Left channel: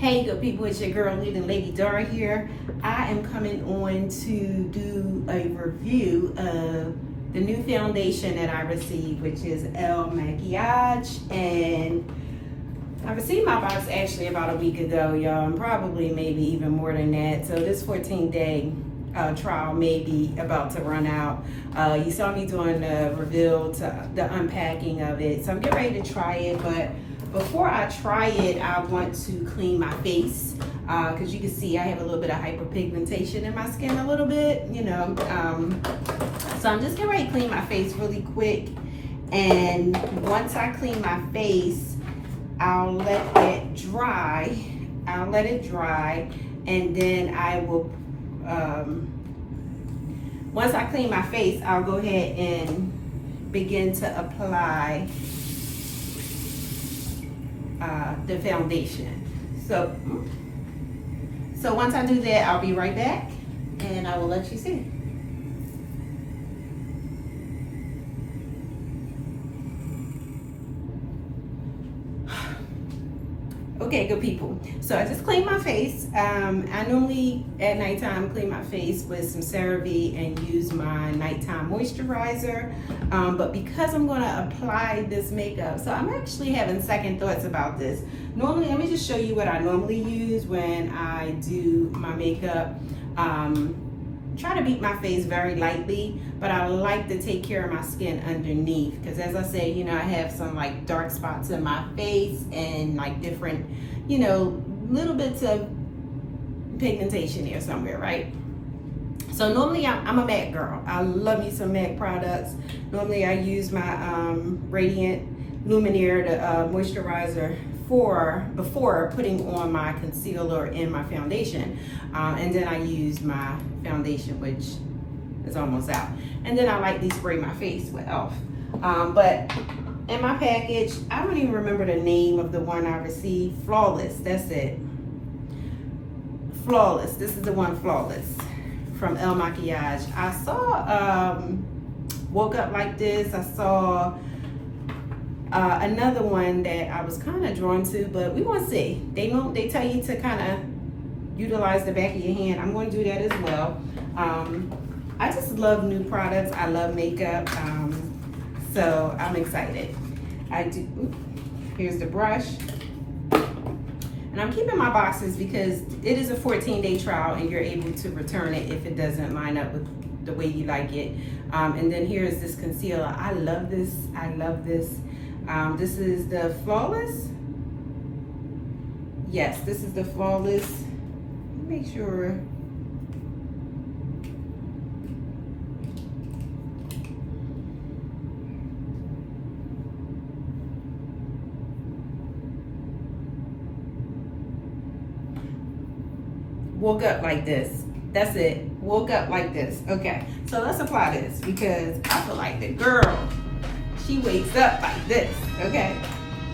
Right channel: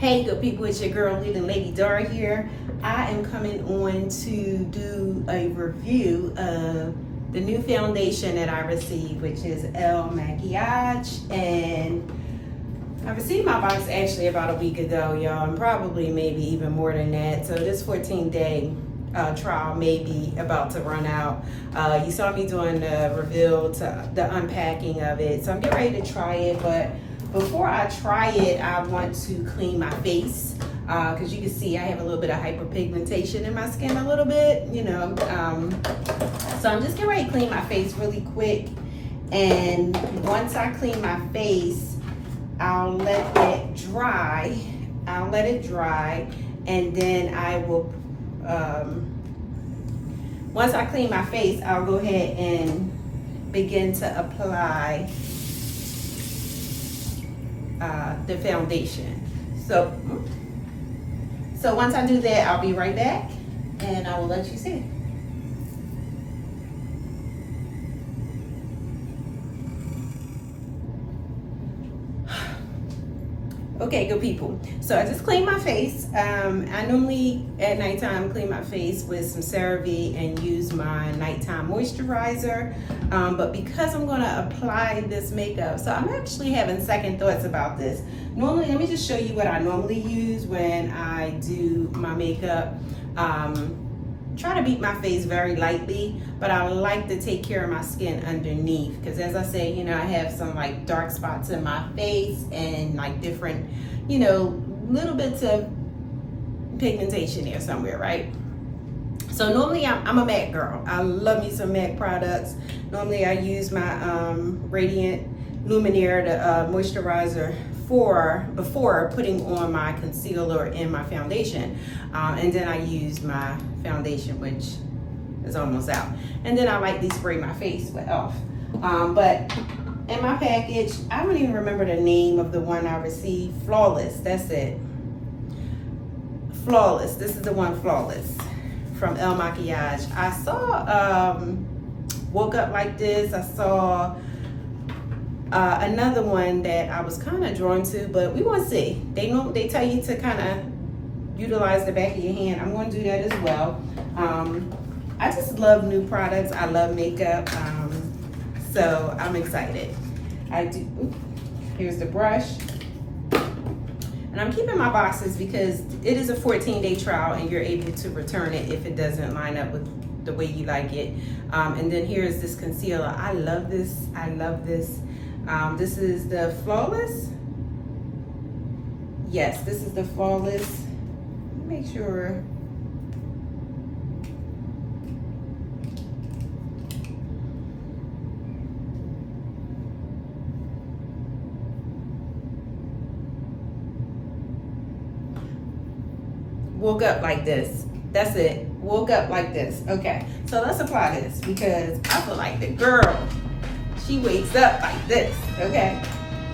Hey good people, it's your girl Lady Dar here. I am coming on to do a review of the new foundation that I received, which is Makiage, and I received my box actually about a week ago, y'all, and probably maybe even more than that. So this 14-day trial may be about to run out. You saw me doing the reveal to the unpacking of it, so I'm getting ready to try it, but before I try it, I want to clean my face because you can see I have a little bit of hyperpigmentation in my skin, a little bit, you know. So I'm just getting ready to clean my face really quick, and once I clean my face, I'll let it dry. And then I will, once I clean my face, I'll go ahead and begin to apply the foundation. So once I do that, I'll be right back and I will let you see. Okay, good people. So I just cleaned my face. I normally at nighttime clean my face with some CeraVe and use my nighttime moisturizer. But because I'm gonna apply this makeup, so I'm actually having second thoughts about this. Normally, let me just show you what I normally use when I do my makeup. Try to beat my face very lightly, but I like to take care of my skin underneath because, as I said, you know, I have some like dark spots in my face and like different, you know, little bits of pigmentation there somewhere, right? So normally I'm a MAC girl. I love me some MAC products. Normally I use my Radiant Luminaire, the moisturizer, before putting on my concealer and my foundation, and then I use my foundation, which is almost out, and then I lightly spray my face with e.l.f. But in my package, I don't even remember the name of the one I received. Flawless, that's it. Flawless, this is the one, Flawless, from Makiage. I saw Woke Up Like This. I saw another one that I was kind of drawn to, but we want to see. They tell you to kind of utilize the back of your hand. I'm going to do that as well. I just love new products. I love makeup, so I'm excited. I do. Here's the brush, and I'm keeping my boxes because it is a 14-day trial, and you're able to return it if it doesn't line up with the way you like it. And then here is this concealer. I love this. I love this. This is the Flawless. Yes, this is the Flawless. Let me make sure. Woke Up Like This. That's it. Woke Up Like This. Okay, so let's apply this because I feel like the girl, she wakes up like this. Okay,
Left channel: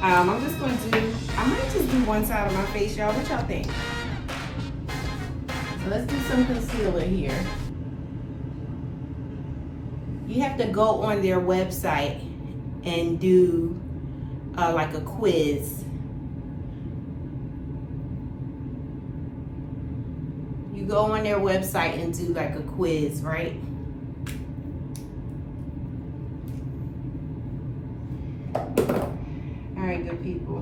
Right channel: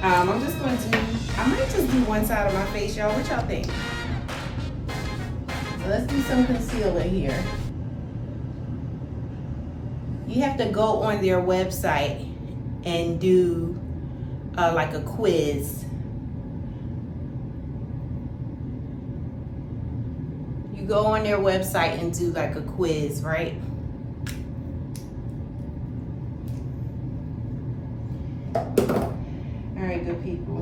I'm just going to I might just do one side of my face, y'all. What y'all think? So let's do some concealer here. You have to go on their website and do like a quiz. You go on their website and do like a quiz, right? Good people.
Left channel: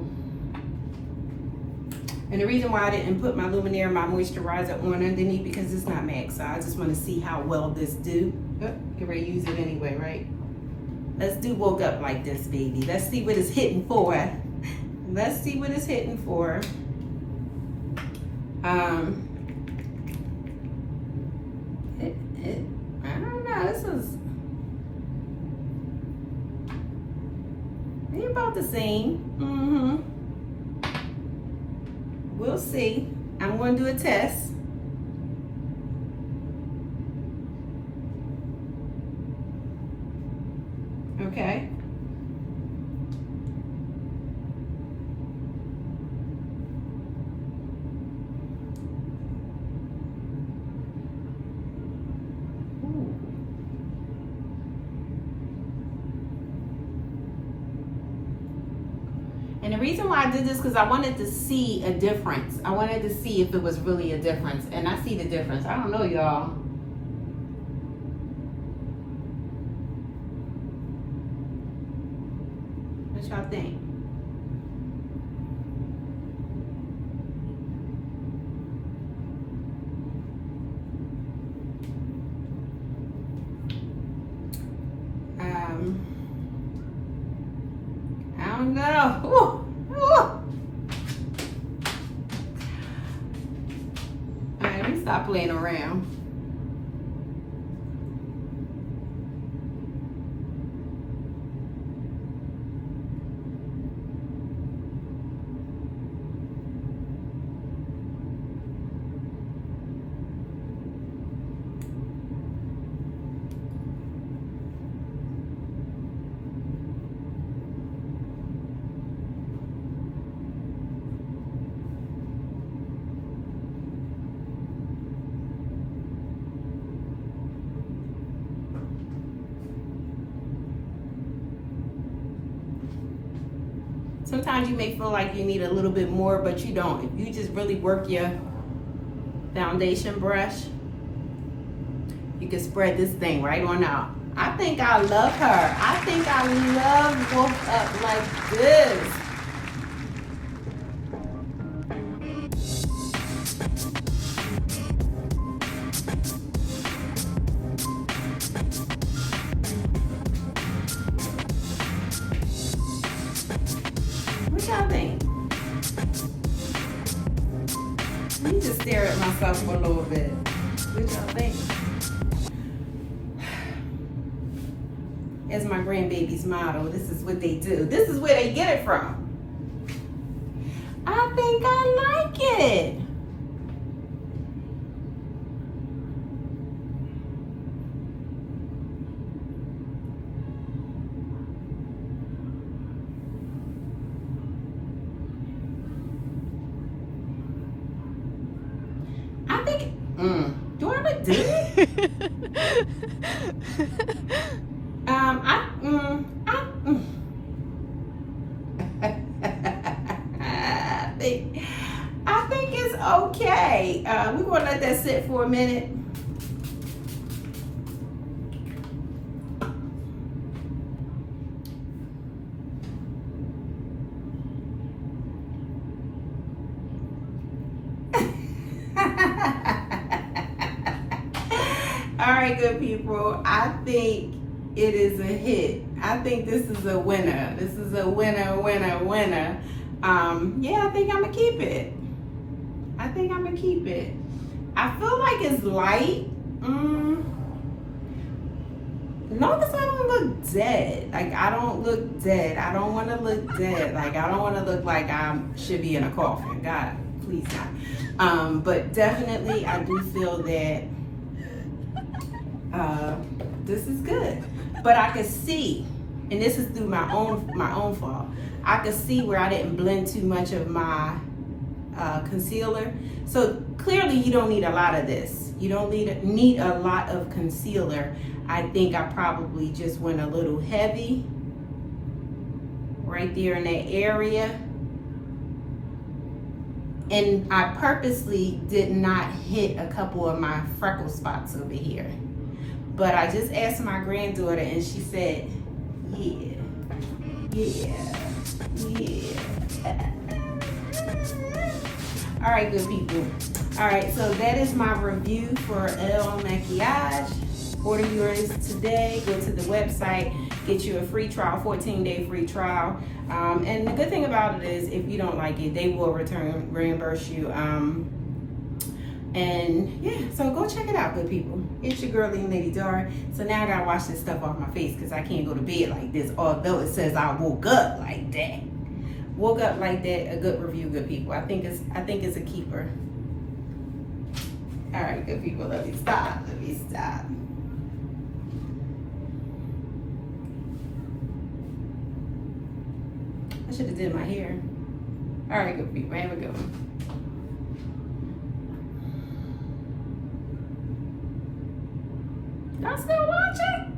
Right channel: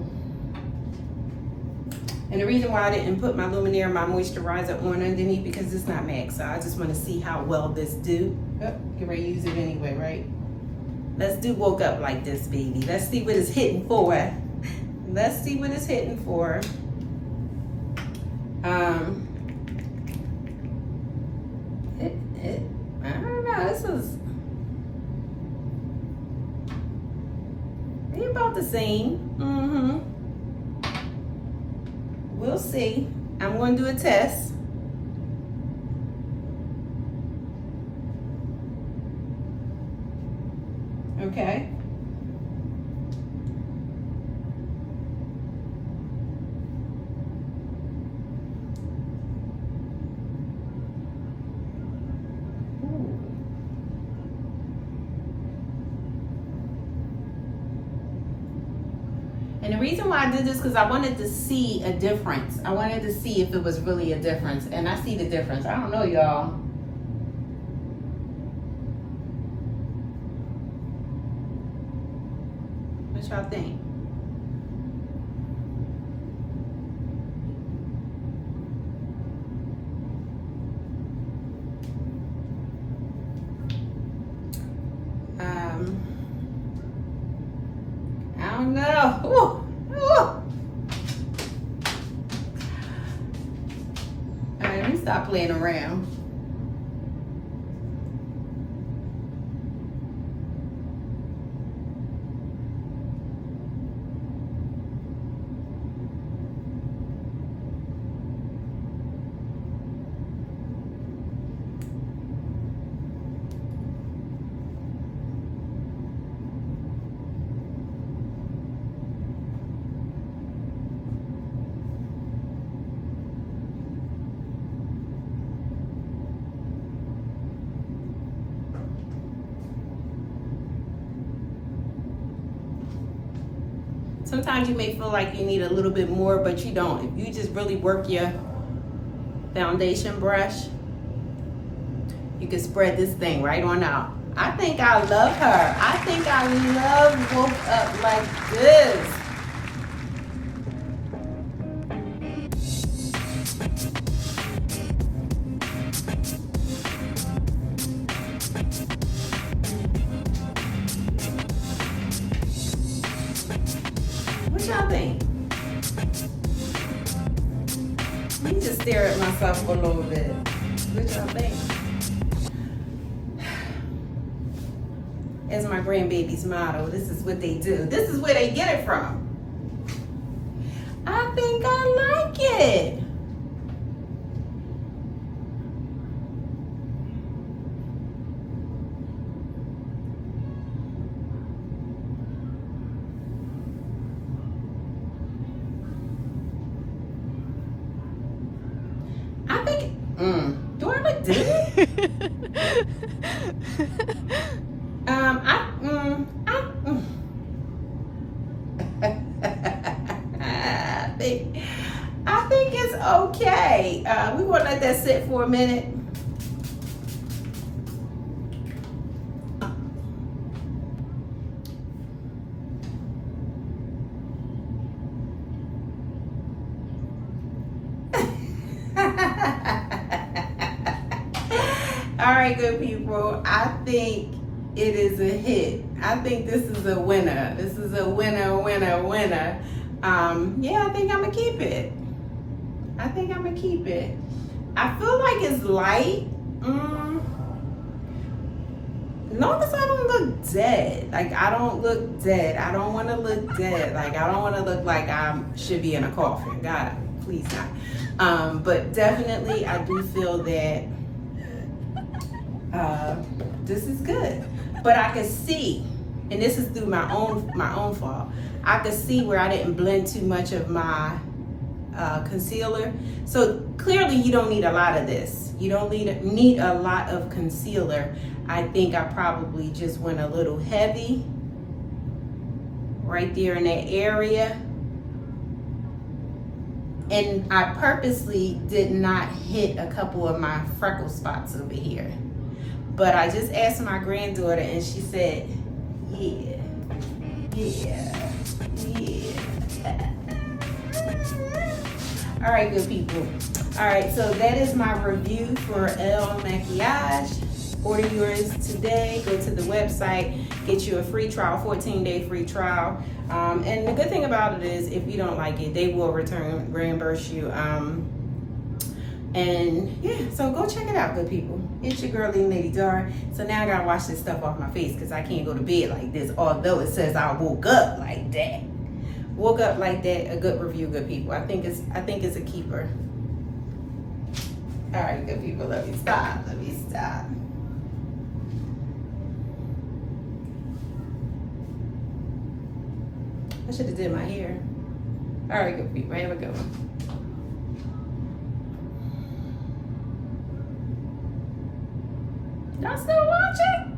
And the reason why I didn't put my Luminaire, my moisturizer on underneath, because it's not MAC, so I just want to see how well this do. Oh, get ready to use it anyway, right? Let's do Woke Up Like This, baby. Let's see what it's hitting for. Let's see what it's hitting for. I don't know. This is about the same. We'll see. I'm going to do a test. Okay. reason why I did this because I wanted to see a difference. I wanted to see if it was really a difference, and I see the difference. I don't know, y'all. What y'all think? I don't know. Ooh, ooh. All right, let me stop playing around. Sometimes you may feel like you need a little bit more, but you don't. If you just really work your foundation brush, you can spread this thing right on out. I think I love her. I think I love Woke Up Like This. What y'all think? Let me just stare at myself a little bit. What y'all think? As my grandbaby's motto, this is what they do. This is where they get it from. I think I like it. Do I look good? I think it's okay. We're gonna let that sit for a minute. All right, good people. I think it is a hit. I think this is a winner. This is a winner, winner, winner. Yeah, I think I'm gonna keep it. I think I'm gonna keep it. I feel like it's light. As long as I don't look dead. Like, I don't look dead. I don't want to look dead. Like, I don't want to look like I should be in a coffin. God, please not. But definitely, I do feel that this is good. But I can see, and this is through my own fault, I could see where I didn't blend too much of my concealer. So clearly you don't need a lot of this. You don't need a lot of concealer. I think I probably just went a little heavy right there in that area. And I purposely did not hit a couple of my freckle spots over here. But I just asked my granddaughter and she said, yeah. All right, good people. All right, so that is my review for El Makiage. Order yours today. Go to the website, get you a free trial, 14-day free trial. And the good thing about it is if you don't like it, they will reimburse you. And yeah, so go check it out, good people. It's your girl, Lady Dar. So now I gotta wash this stuff off my face because I can't go to bed like this, although it says I woke up like that. Woke up like that, a good review, good people. I think it's a keeper. All right, good people, let me stop. I should have did my hair. All right, good people, have a good one. Y'all still watching?